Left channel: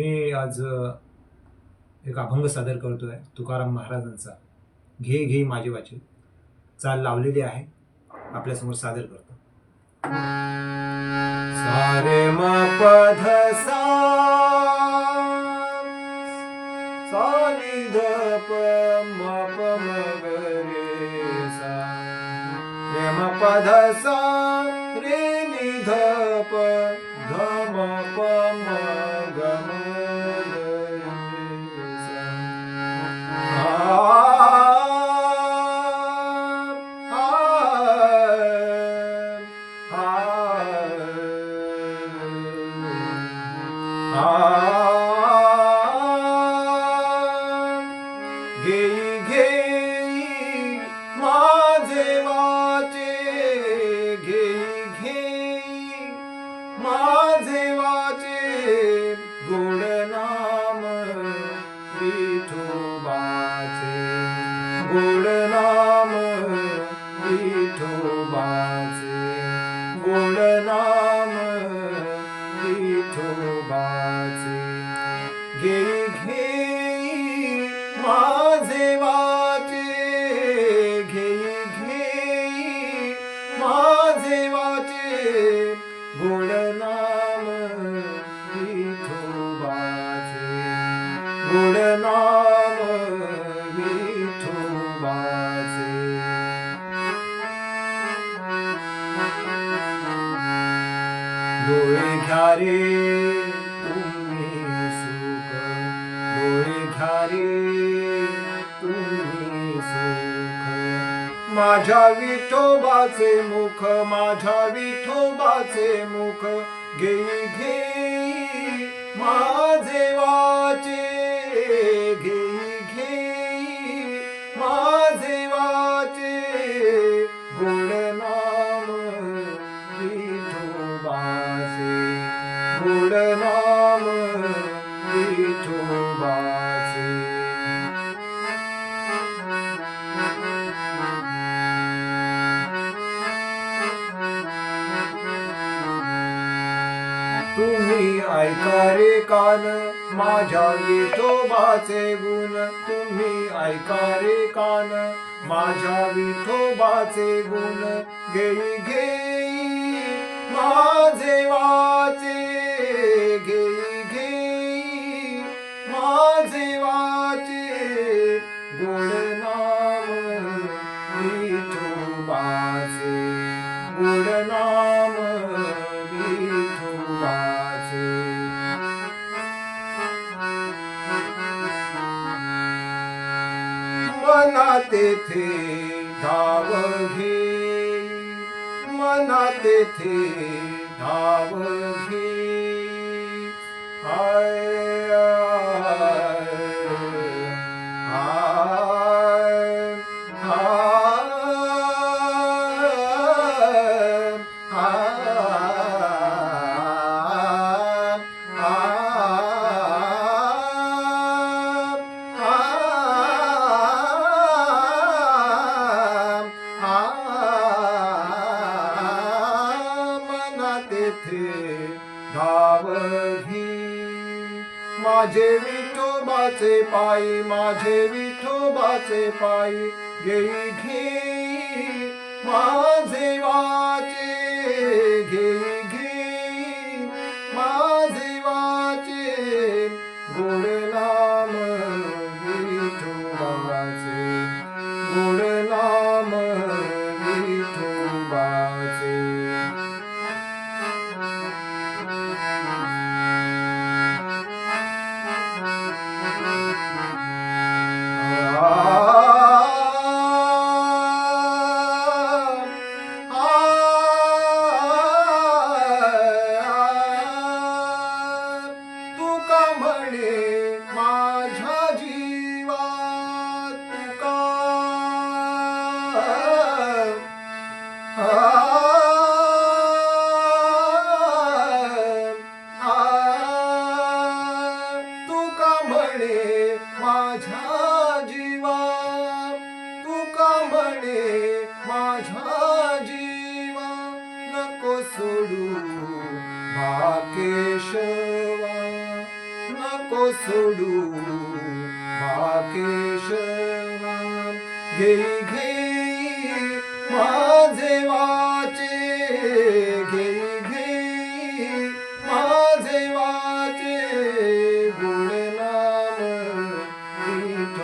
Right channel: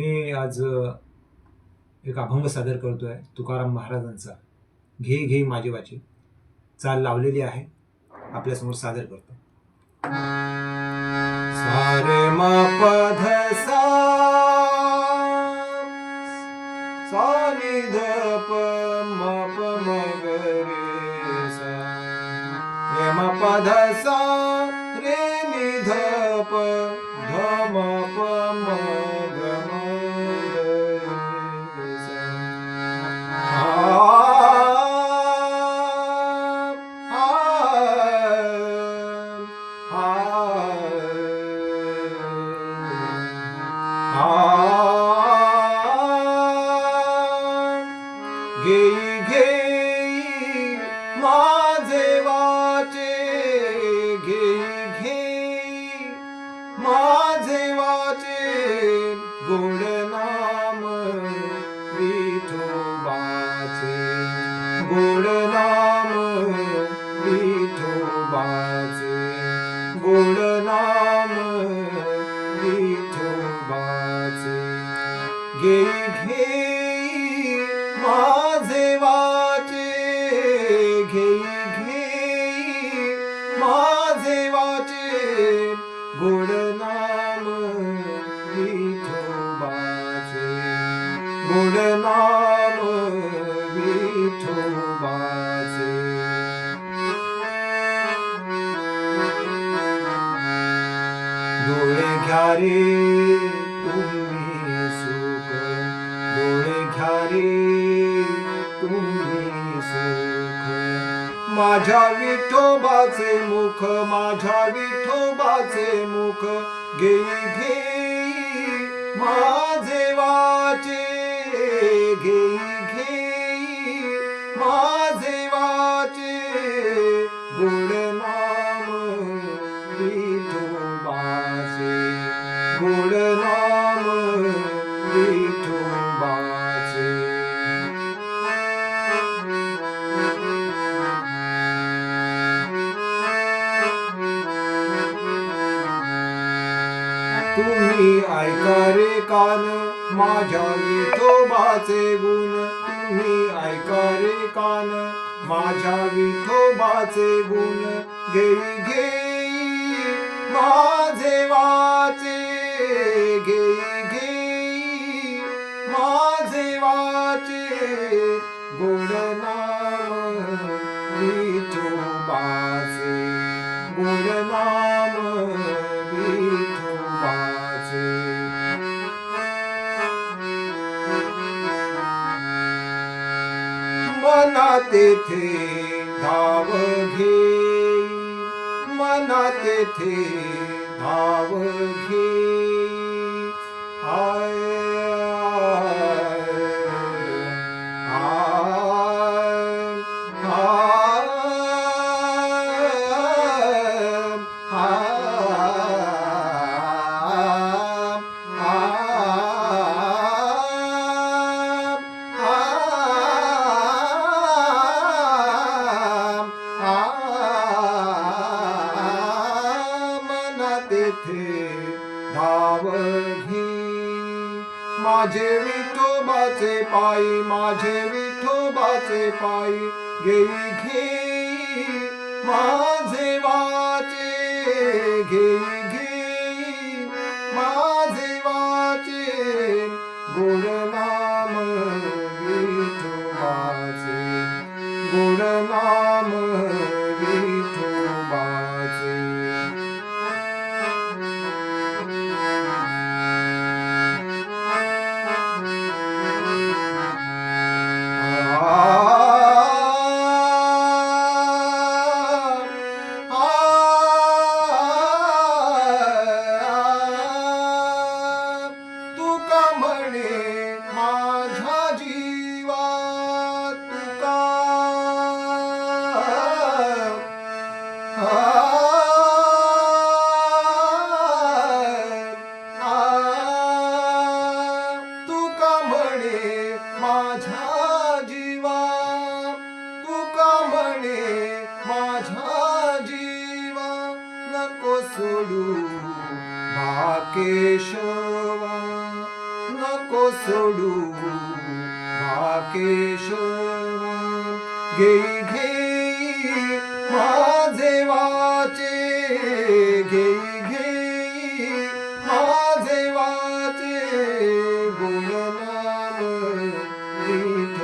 मी आज एक अभंग सादर करतोय तुकाराम महाराजांचा. घे घे माझे वाचे चाल लावलेली आहे, आपल्यासमोर सादर करतो. सा रे म प ध सा, सा नि ध प म प म ग रे सा, रे म प ध सा, रे नि ध प ध म प म ग म ग रे सा. घेई घेई माझे वाचे, घेई घेई माझे वाचे, गोड नाम विठोबाचे, गोड नाम विठोबाचे, गोड नाम विठोबाचे. घेई घेई माझे वाचे, घेई घेई माझे वाचे, गोड नाम विठोबाचे, गोड नाम विठोबाचे. डोळे घ्या रे तुम्ही सुख, डोळे घ्या रे तुम्ही सुख, माझ्या विठोबाचे मुख, माझ्या विठोबाचे मुख. घेई घेई माझे वाचे, घेई घेई माझे वाचे, गोड नाम विठोबाचे, गोड नाम विठोबाचे. तुम्ही ऐका रे कान माझ्या विठोबाचे गुण, तुम्ही ऐका रे कान माझ्या विठोबाचे गुण. घेई घेई माझे वाचे, घेई घेई माझे वाचे, गोड नाम विठोबाचे, गोड नाम विठोबाचे. मना तेथे धाव घेई, मना तेथे धाव घेई. आय तेथे धाव घे माझे विठोबाचे पायी, माझे विठोबाचे पायी. घेई घेई माझे वाचे, घेई घेई माझे वाचे, गोड नाम विठोबाचे, गोड नाम विठोबाचे. तुका म्हणे माझ्या जीवा, तुका तुका म्हणे माझ्या जीवा, तुका म्हणे माझ्या जीवा. नको सोडू भाकेशवा, नको सोडू केशवा घेई घेई माझे वाचे घेई घेई माझे वाचे गुणनाम विठ्ठलाचे